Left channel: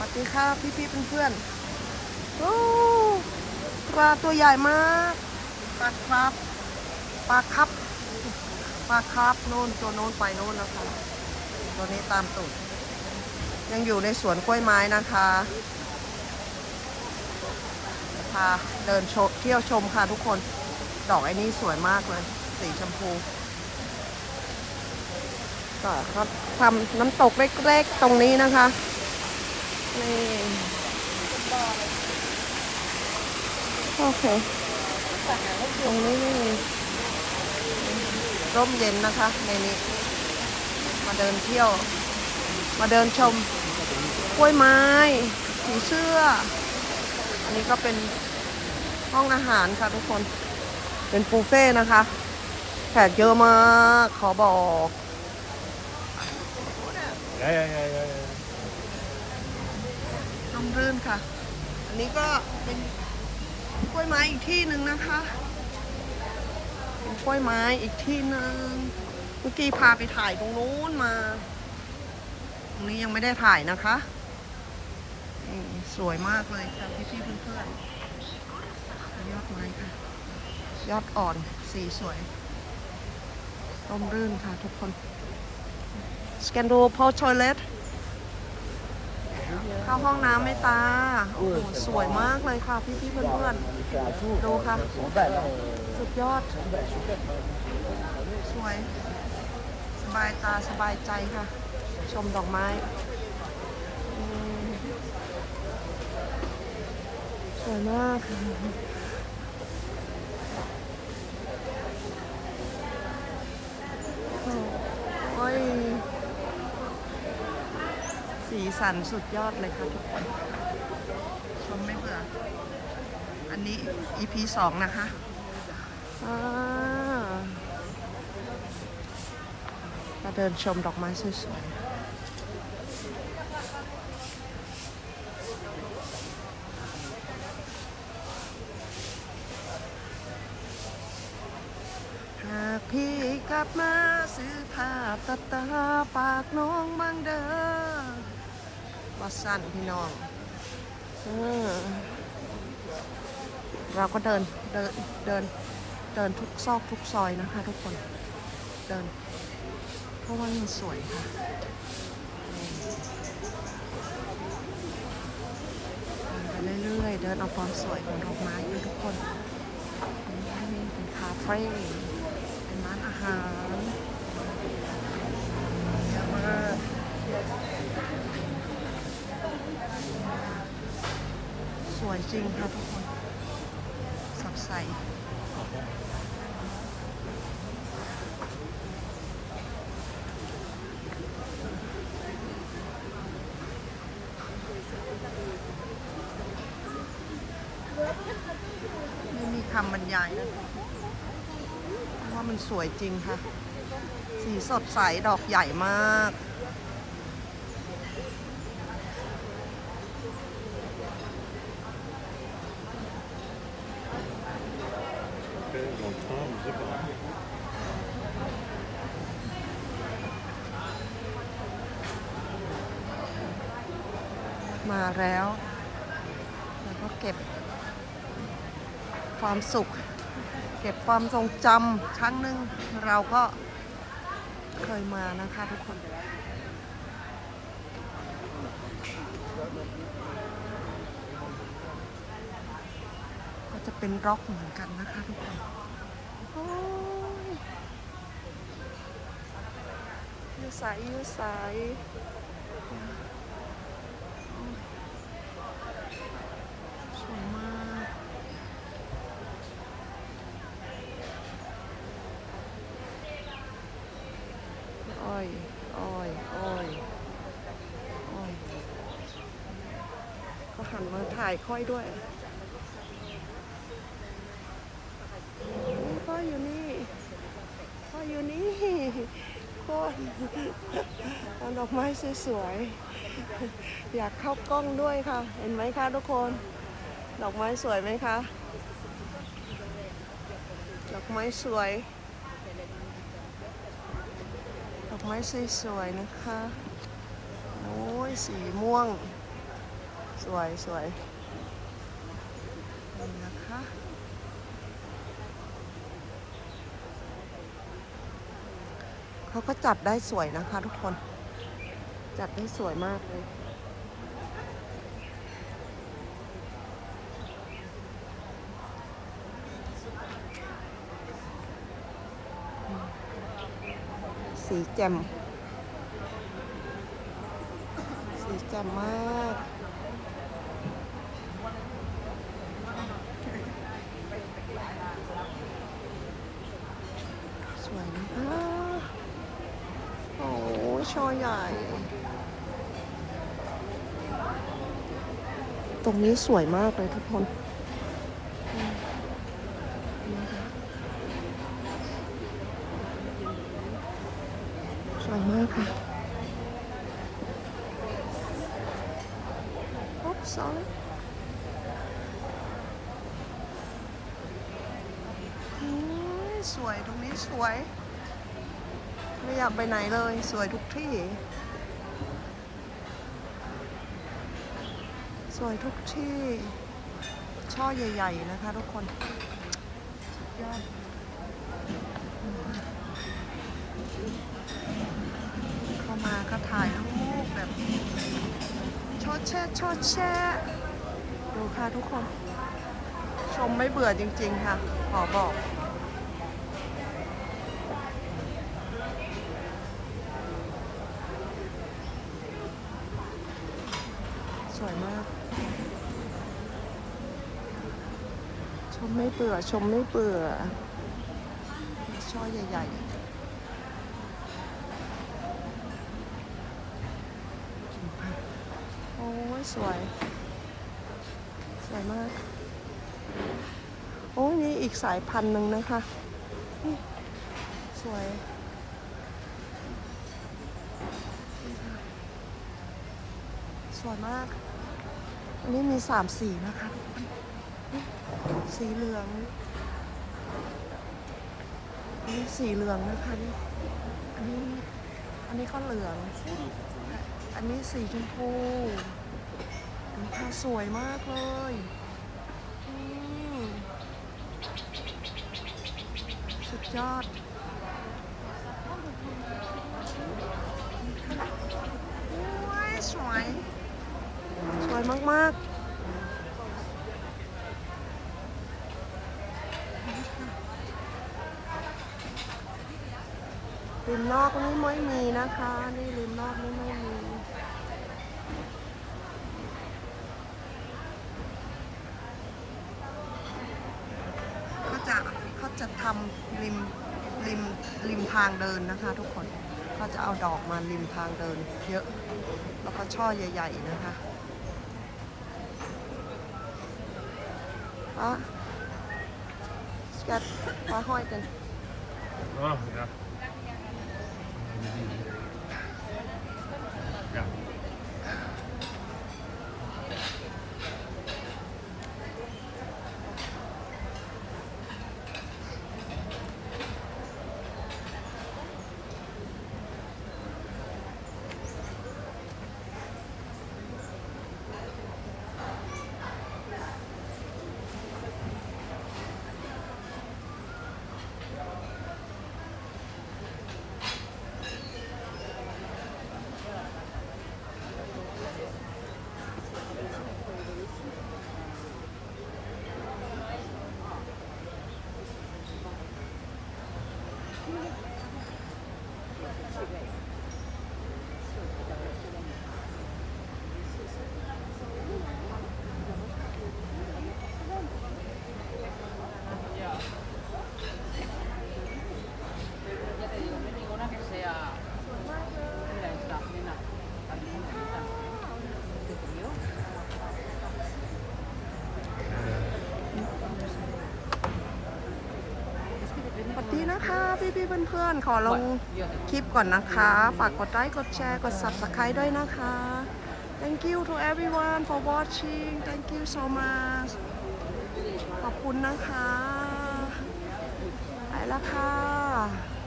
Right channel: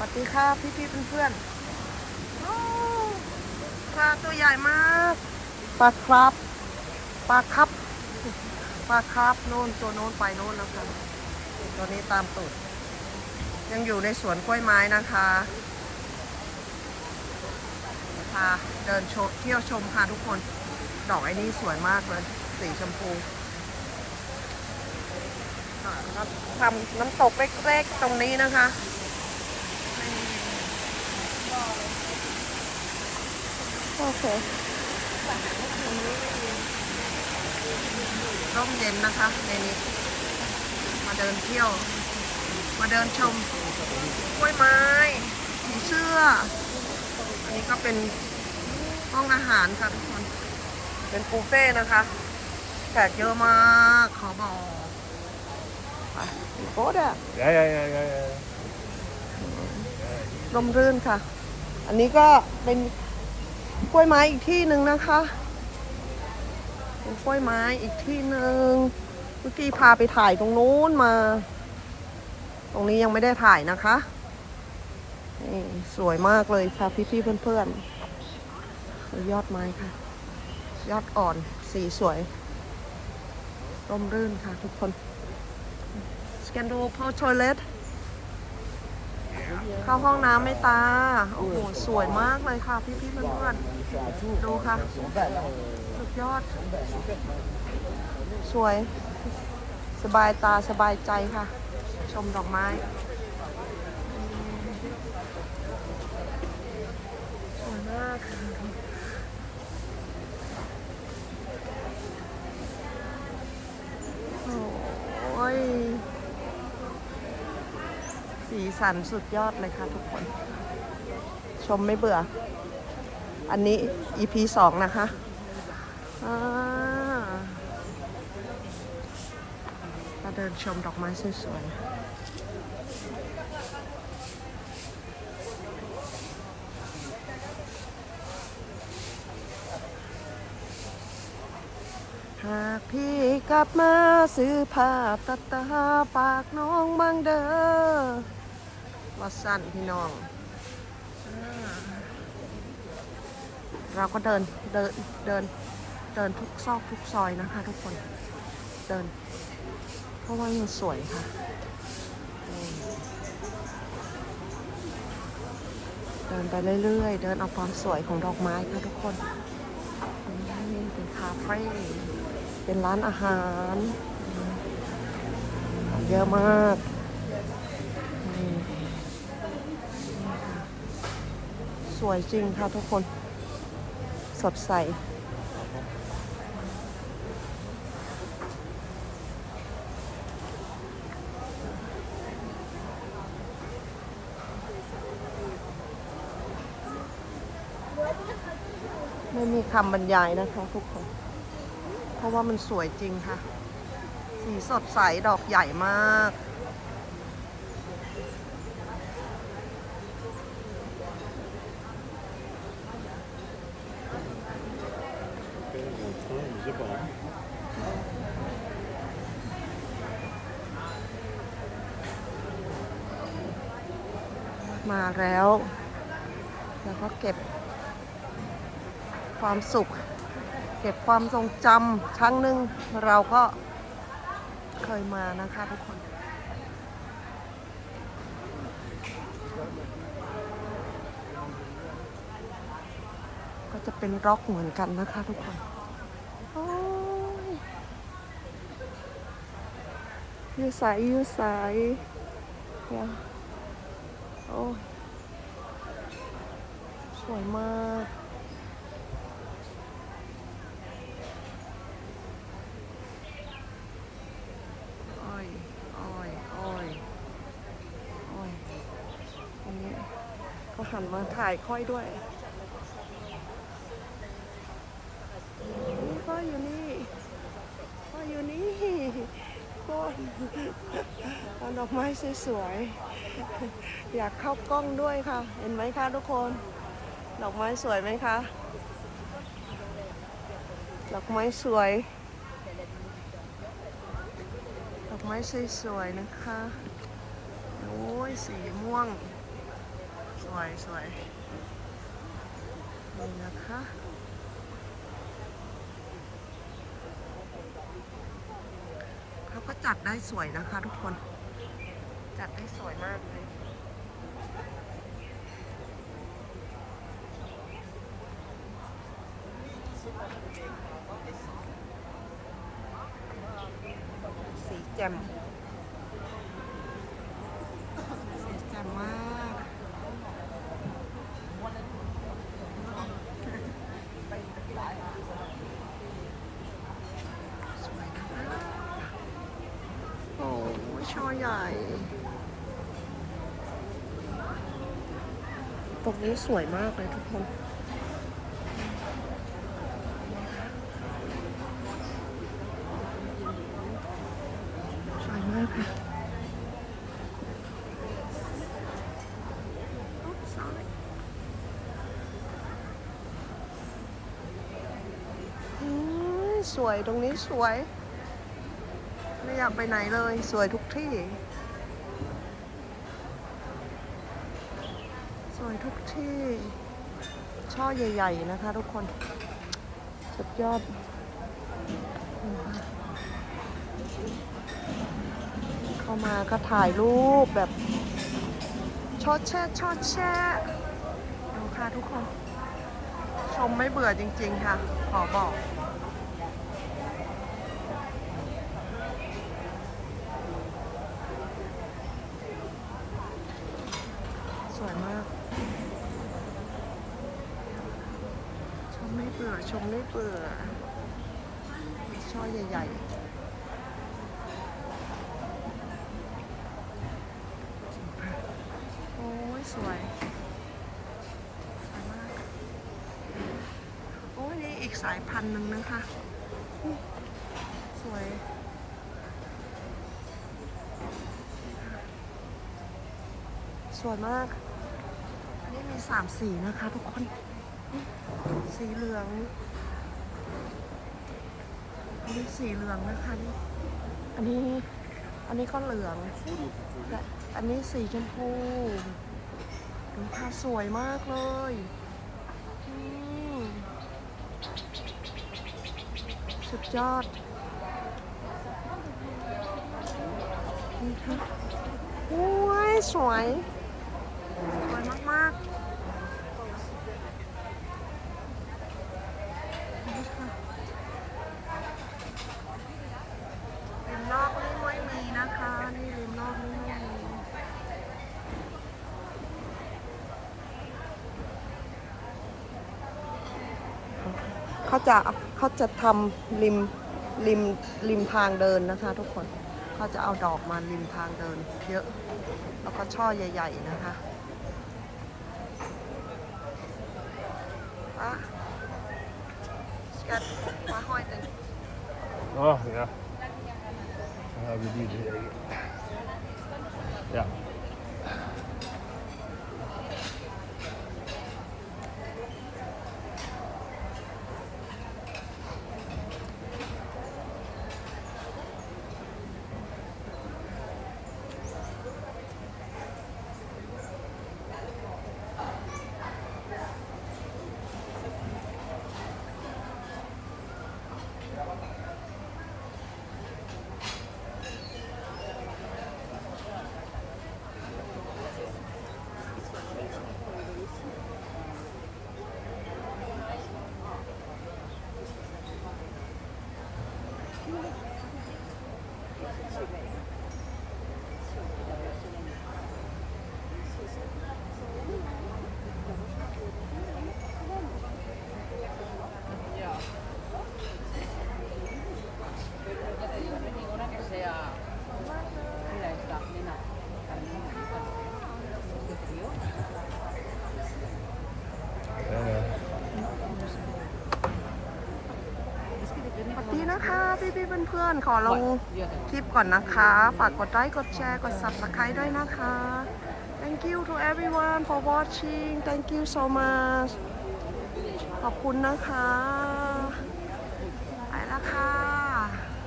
สวัสดีค่ะพี่พี่ๆเพื่อนๆโอ้ปลาตัวใหญ่มากปลาครับปลาครับปลาครับโน่นตัวโน้นไปโน่นแล้วค่ะตัวนี้ตามตูดยังอยู่ในสวนกล้วยไม้นะคะพาเดินชเที่ยวชมค่ะทุกคน ดอกไอ้นี่สวยมากเลย สีชมพูก็ทำน้ำตกเล็กๆตรงนี้นะคะ โอเคร่มเย็นนะคะในนี้ มาเดินเที่ยว มาเดินชมกล้วยไม้ผีเสื้อ อันนี้ก็เป็นห้องอาหารค่ะทุกคน เป็นฟูเฟ่นะคะแขกเยอะมาก ขอบอก ไปโอ้ด้อ Ja, ja, ja, ja, ja. ร่มรื่นค่ะ อันนี้ก็เป็นกล้วยไม้อีกที่หนึ่งนะคะ เป็นกล้วยไม้อีกที่หนึ่งเมื่อกี้พาไปถ่ายตรงนู้นมา ตรงนี้ยังไม่ได้ถ่ายนะคะนี่สวยมากเลยค่ะพี่ๆเพื่อนๆยอดไม้ค่ะ ยอดอ่อนสีสวยร่มรื่นค่ะทุกคนสแกนดูพอชอย เข้าห้องน้ำไม่ตา โอ้โห สวยมากเลยค่ะ พี่ๆเพื่อนๆ ดูค่ะ สุดยอด สวย สบายตาสบายใจค่ะ ชมดอกไม้ สวยมากค่ะโอ้ย สีสันสุดยอดเลยค่ะทุกคน ชมไม่เบื่อ อันนี้ EP สองนะคะอ่ามาเดินชมดอกไม้สวยๆหากพี่กลับมาซื้อผ้าตัดตาปากน้องบางเด้อ สั้นพี่น้องอเราก็เดินเดินเดินเดินทุกซอกทุกซอยนะคะ ทุกคนเดิน เพราะว่ามันสวยค่ะเดินไปเรื่อยๆ เดินเอาความสวยของดอกไม้ค่ะทุกคนนี่เป็นคาเฟ่เป็นร้านอาหาร เยอะมาก สวยจริงค่ะทุกคน สดใส ไม่มีคำบรรยายนะคะทุกคน เพราะว่ามันสวยจริงค่ะ สีสดใส ดอกใหญ่มาก Ok, dans le train, je sais pas. hein. มาแล้ว แล้วก็เก็บความสุข เก็บความทรงจำครั้งหนึ่งเราก็เคยมานะคะทุกคน ก็จะเป็นร็อกเหมือนกันนะคะทุกคนโอ้ยยูใสยูใสว้าวโอ้ยสวยมากอ้อยอ้อยอ้อยอ้อยอันนี้ก็หันมาถ่ายค่อยด้วยนี่พ่ ออยู่นี่ พ่ออยู่นี่คนเอาดอกไม้สวยๆ อยากเข้ากล้องด้วยค่ะ เห็นไหมคะทุกคน ดอกไม้สวยไหมคะ ดอกไม้สวย ดอกไม้สวยๆนะคะ โอ้ยสีม่วง สวยสวยนี่นะคะ เขาก็จัดได้สวยนะคะ ทุกคน จัดได้สวยมากเลย สีแจ่มสีแจ่มมาก สวยนะคะ โอ้ ช่อใหญ่ ตรงนี้สวยมากเลยทุกคนสวยมากเลยโอ๊บ sorry อืมสวยตรงนี้สวย ไม่อยากไปไหนเลย สวยทุกที่ สวยทุกที่ ช่อใหญ่ ๆ นะคะทุกคน สุดยอดเข้ามาก็ถ่ายรูปแบบชอดแช่ชอดแช่ดูค่ะทุกคน ชมไม่เบื่อจริง ๆ ค่ะ ขอบอก สวยมาก ชมไม่เบื่อ ชมไม่เบื่อ ช่อใหญ่ ๆโอ้ยสวย สวยมาก โอ้ยนี่อีกสายพันธุ์หนึ่งนะคะนี่สวย วยมาก อันนี้มีสามสีนะคะทุกคน สีเหลือง อันนี้สีเหลืองนะคะนี่ อันนี้ อันนี้ก็เหลือง และอันนี้สีชมพูดูค่ะสวยมากเลยสุดยอดนี่ค่ะโอ้ย สวยมากๆนี่ค่ะริมนอกนี่ไม่มีนะคะ นี่ริมนอกนี่ไม่มีเขาจะเขาจะทำริมริมริมทางเดินนะคะ ทุกคนเขาจะเอาดอกมาริมทางเดิน เยอะ แล้วก็ช่อใหญ่ ๆ นะคะ Oh, ya. Ya. Ya. นะคะพี่ๆเพื่อนๆ ขอลงคลิปก่อนนะคะ ฝากกดไลค์กดแชร์กด subscribe ด้วยนะคะ thank you to everyone for watching thank you so much ขอบคุณนะคะ ไปละค่ะ